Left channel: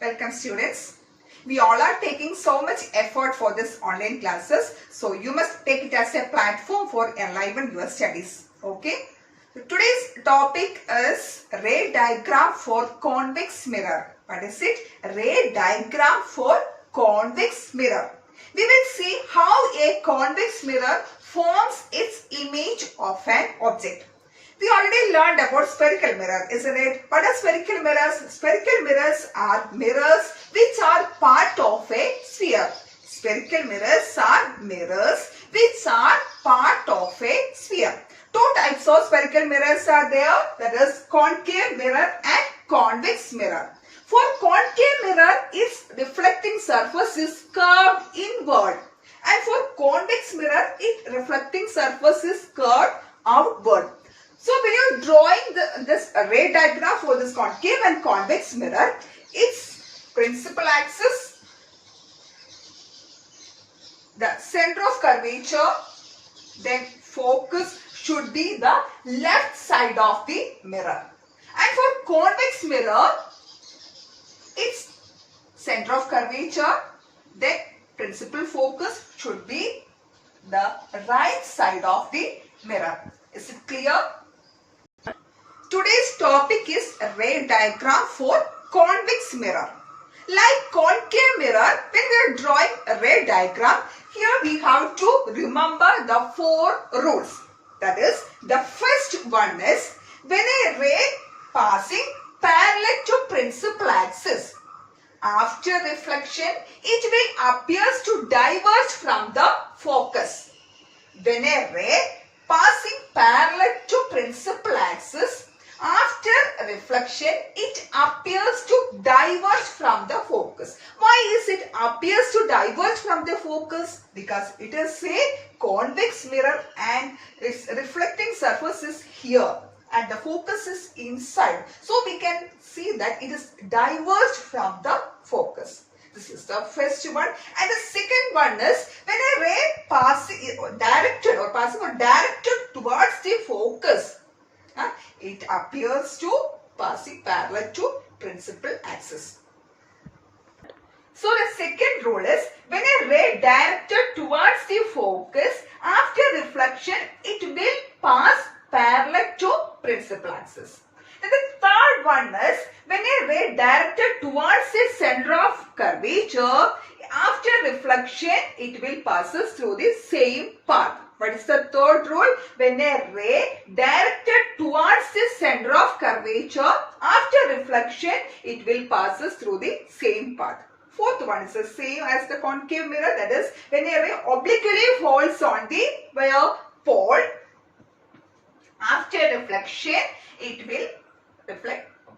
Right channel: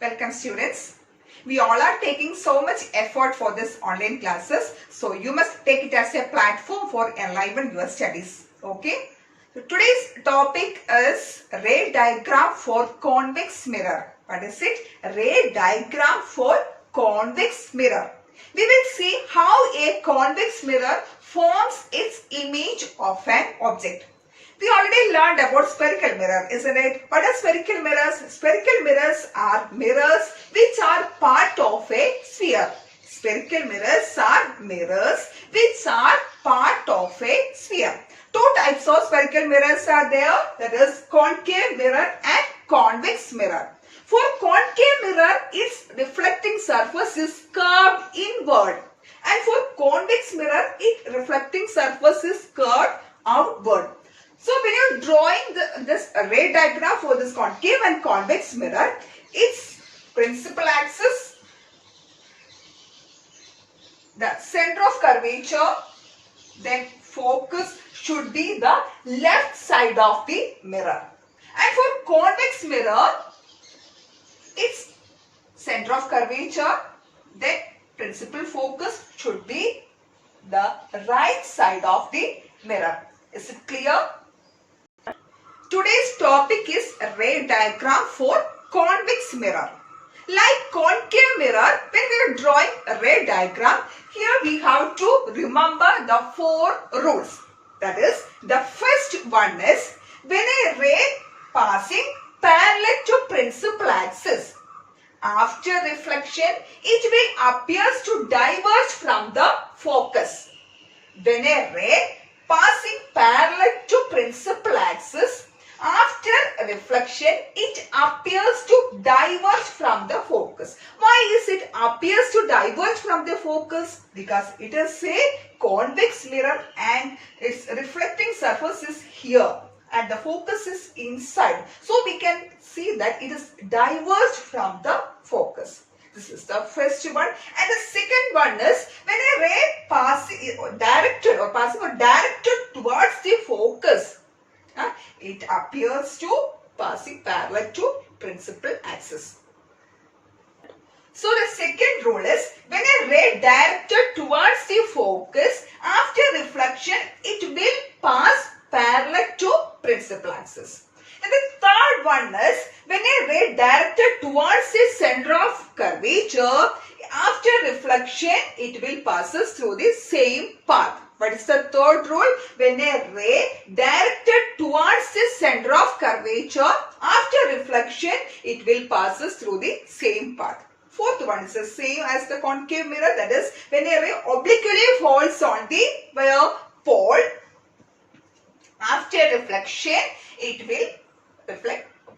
Welcome students. We all are taking so much effort for this online classes. So you must take it as a platform for enliven your studies. Okay. So today's topic is ray diagram for convex mirror. What is it? Ray diagram for convex mirror. We will see how a convex mirror forms its image of an object. We already learned about spherical mirror, isn't it? What are spherical mirrors? Spherical mirrors are mirrors which are part of a sphere. Spherical mirrors are mirrors which are part of a sphere. Two types of spherical mirrors are there. That is concave mirror and convex mirror. For concave mirror, its reflecting surface is curved inward. And for convex mirror, its reflecting surface is curved outward. So when you are drawing this ray diagram for this concave and convex mirror, its principal axis, the center of curvature, then focus should be the left side of the mirror. And for convex mirror, its center of curvature, then principal focus should be the right side of the mirror. Is it clear? Today's topic is a ray diagram for convex mirror. Like concave mirror, when we are drawing a ray diagram, here we have to remember the 4 rules. That is, the first one is when a ray passing parallel to principal axis, after reflection, it will appear to diverge from the focus. When a ray passing parallel to principal axis, after reflection, it appears to diverge from the focus. Why is it appears to diverge from the focus? Because it is a convex mirror and its reflecting surface is here and the focus is inside. So we can see that it is diverged from the focus. This is the first one. And the second one is when a ray directed towards the focus, it appears to passing parallel to principal axis. So the second rule is when a ray directed towards the focus, after reflection, it will pass parallel to principal axis. And the third one is when a ray directed towards the center of curvature, after reflection, it will passes through the same path. What is the third rule? When a ray directed towards the center of curvature, after reflection, it will passes through the same path. Fourth one is the same as the concave mirror. That is, when a ray obliquely falls on the pole, after reflection, it will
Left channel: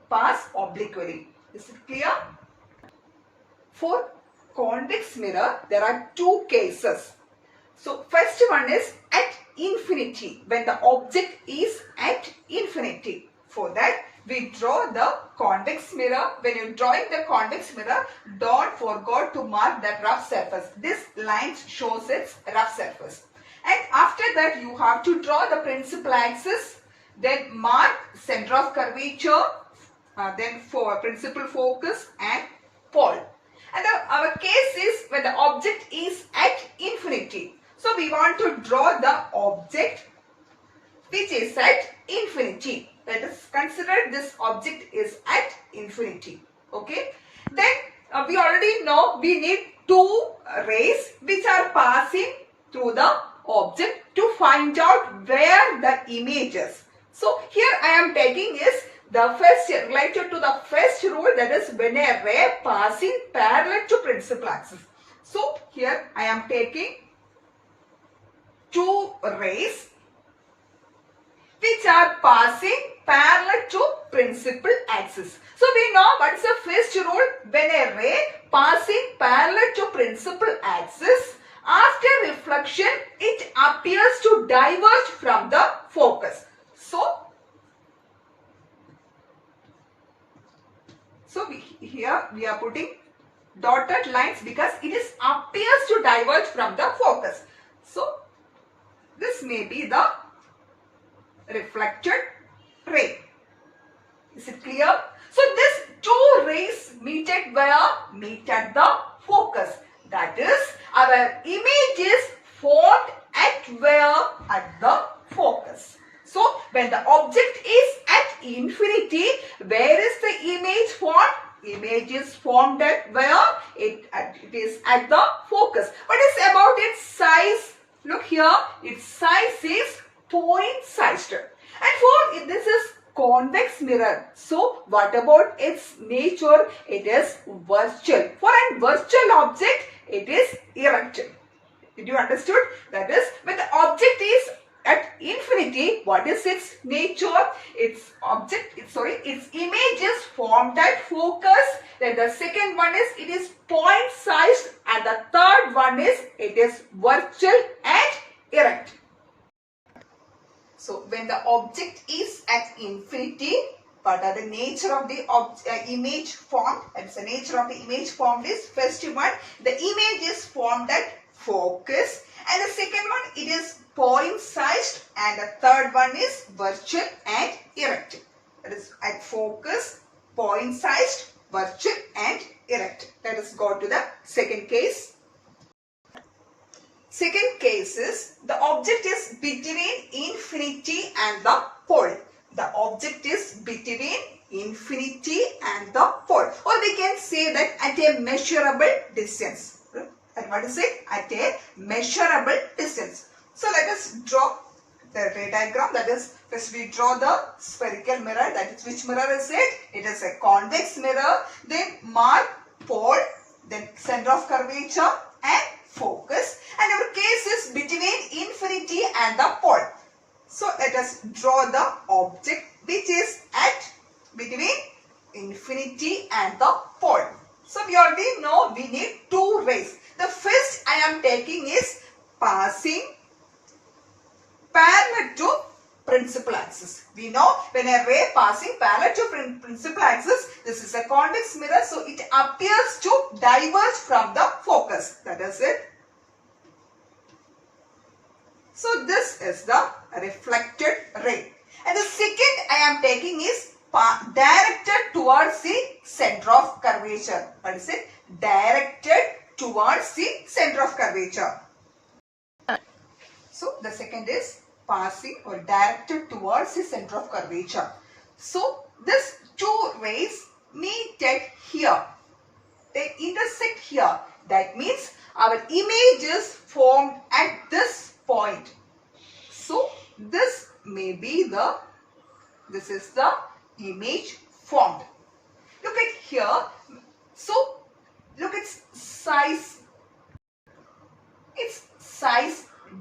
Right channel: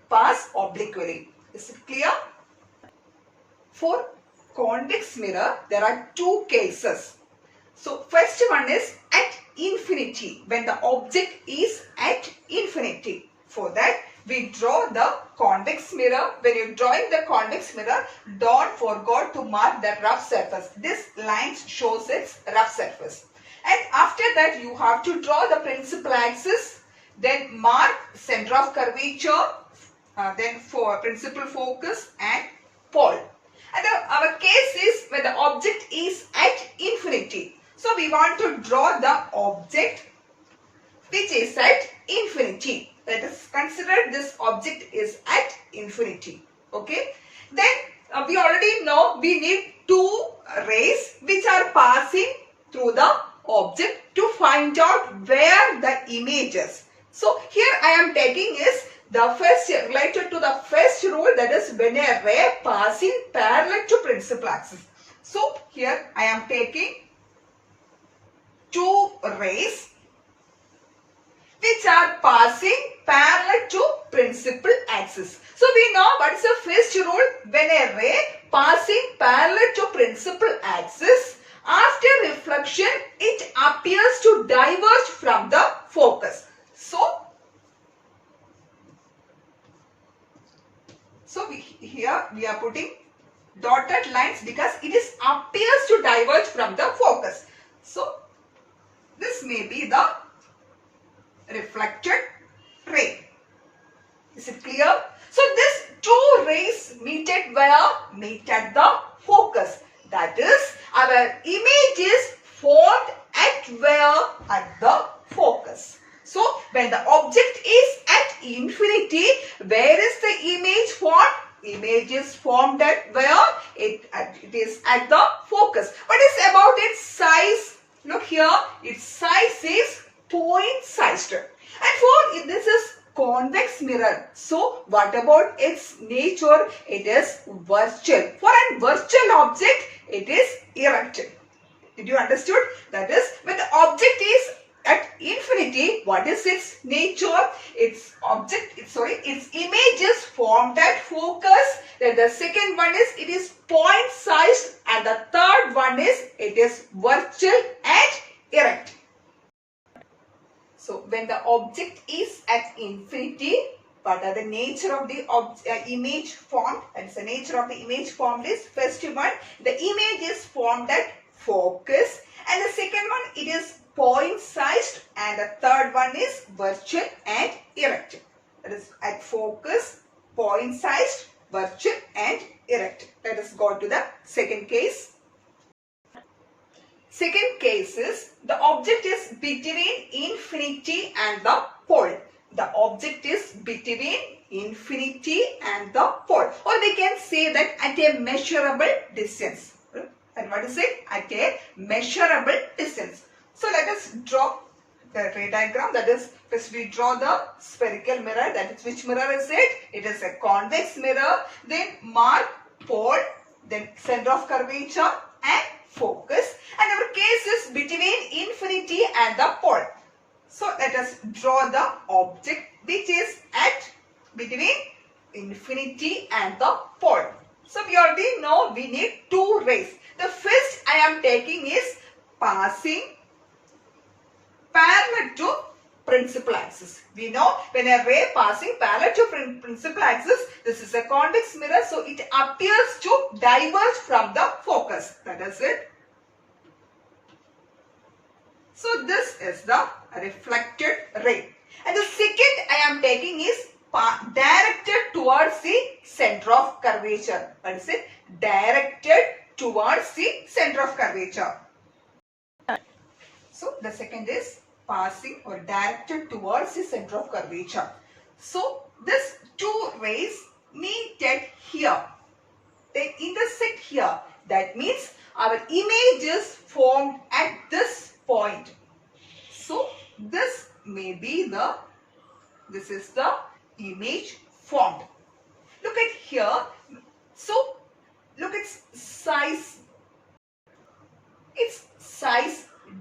pass obliquely. Is it clear? For convex mirror, there are 2 cases. So first one is at infinity, when the object is at infinity. For that, we draw the convex mirror. When you are drawing the convex mirror, don't forget to mark the rough surface. This line shows its rough surface. And after that, you have to draw the principal axis, then mark center of curvature, then for principal focus and pole. And our case is when the object is at infinity. So we want to draw the object which is at infinity. Let us consider this object is at infinity. Okay. Then we already know we need 2 rays which are passing through the object to find out where the image is. So here I am taking is the first related to the first rule, that is when a ray passing parallel to principal axis. So here I am taking 2 rays which are passing parallel to principal axis. So we know what is the first rule. When a ray passing parallel to principal axis, after reflection, it appears to diverge from the focus. So here we are putting dotted lines because it is appears to diverge from the focus. So this may be the reflected ray. Is it clear? So these two rays meet at where? Meet at the focus. That is, our image is formed at where? At the focus. So when the object is at infinity, where is the image formed? Image is formed at where? It is at the focus. What is about its size? Look here, its size is point sized. And for this is convex mirror. So what about its nature? It is virtual. For a virtual object, it is erect. Did you understood? That is, when the object is at infinity, what is its nature? Its image is formed at focus. Then the second one is it is point sized, and the third one is it is virtual and erect. So when the object is at infinity, what are the nature of the image formed? That is the nature of the image formed is, first one, the image is formed at focus, and the second one, it is point sized, and the third one is virtual and erect. That is at focus, point sized, virtual and erect. Let us go to the second case. Second case is the object is between infinity and the pole. The object is between infinity and the pole, or we can say that at a measurable distance. And what is it? At a measurable distance. So let us draw the ray diagram. That is, first we draw the spherical mirror. That is, which mirror is it? It is a convex mirror. Then mark pole, then center of curvature and focus. And our case is between infinity and the pole. So let us draw the object which is at between infinity and the pole. So we already know we need two rays. The first I am taking is passing parallel to principal axis. We know when a ray passing parallel to principal axis, this is a convex mirror, so it appears to diverge from the focus. That is it. So this is the reflected ray. And the second I am taking is directed towards the center of curvature. That is it. Directed towards the center of curvature. So the second is passing or directed towards the center of curvature. So these two rays meet at here. They intersect here. That means our image is formed at this point. So this may be this is the image formed. Look at here. So look, its size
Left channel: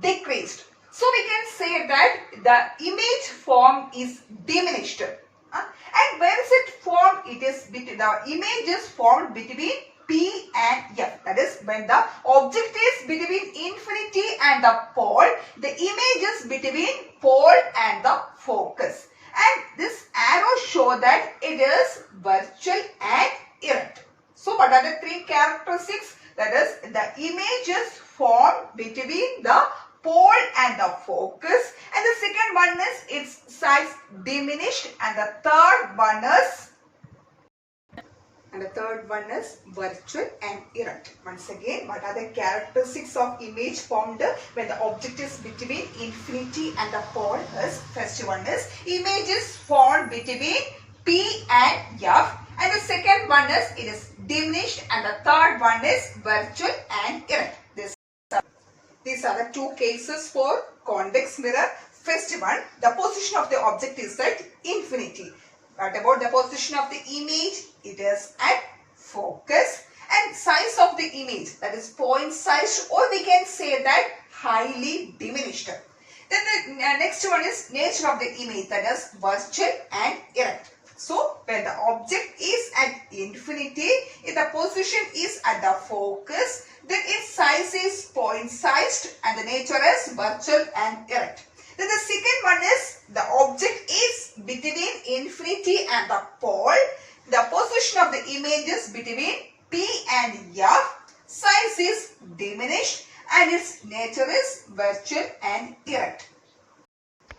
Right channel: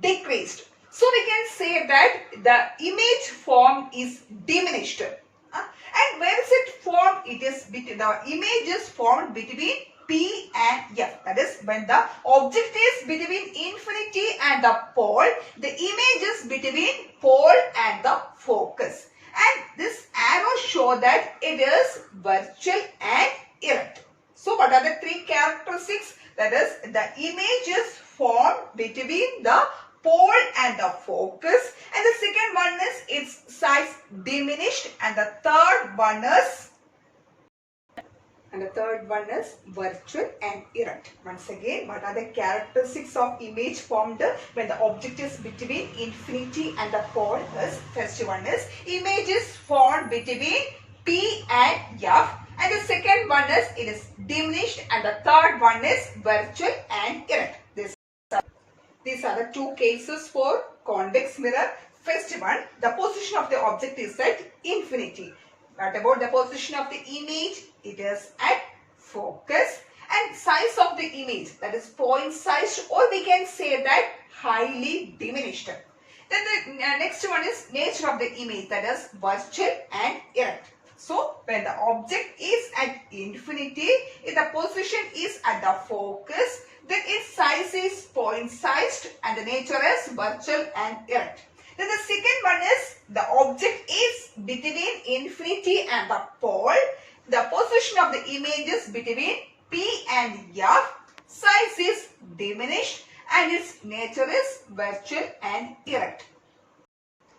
decreased. So we can say that the image form is diminished. And where is it formed? It is the image is formed between P and F. That is, when the object is between infinity and the pole, the image is between pole and the focus. And this arrow show that it is virtual and erect. So what are the three characteristics? That is, the image is formed between the pole and the focus, and the second one is its size diminished, and the third one is virtual and erect. Once again, what are the characteristics of image formed when the object is between infinity and the pole? Is first one is image is formed between P and F, and the second one is it is diminished, and the third one is virtual and erect. These are the two cases for convex mirror. First one, the position of the object is at infinity. What about the position of the image? It is at focus. And size of the image, that is point sized, or we can say that highly diminished. Then the next one is nature of the image, that is virtual and erect. So when the object is at infinity, if the position is at the focus, then its size is point sized and the nature is virtual and erect. Then the second one is the object is between infinity and the pole. The position of the image is between P and F. Size is diminished and its nature is virtual and erect.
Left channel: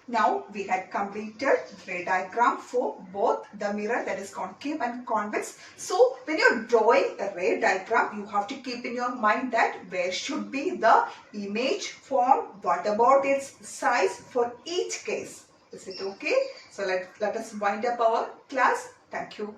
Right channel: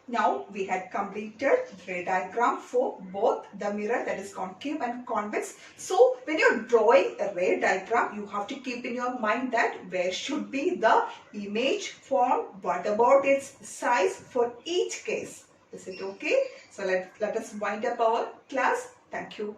Now we had completed ray diagram for both the mirror, that is concave and convex. So when you're drawing a ray diagram, you have to keep in your mind that where should be the image formed, what about its size for each case. Is it okay? So let us wind up our class. Thank you.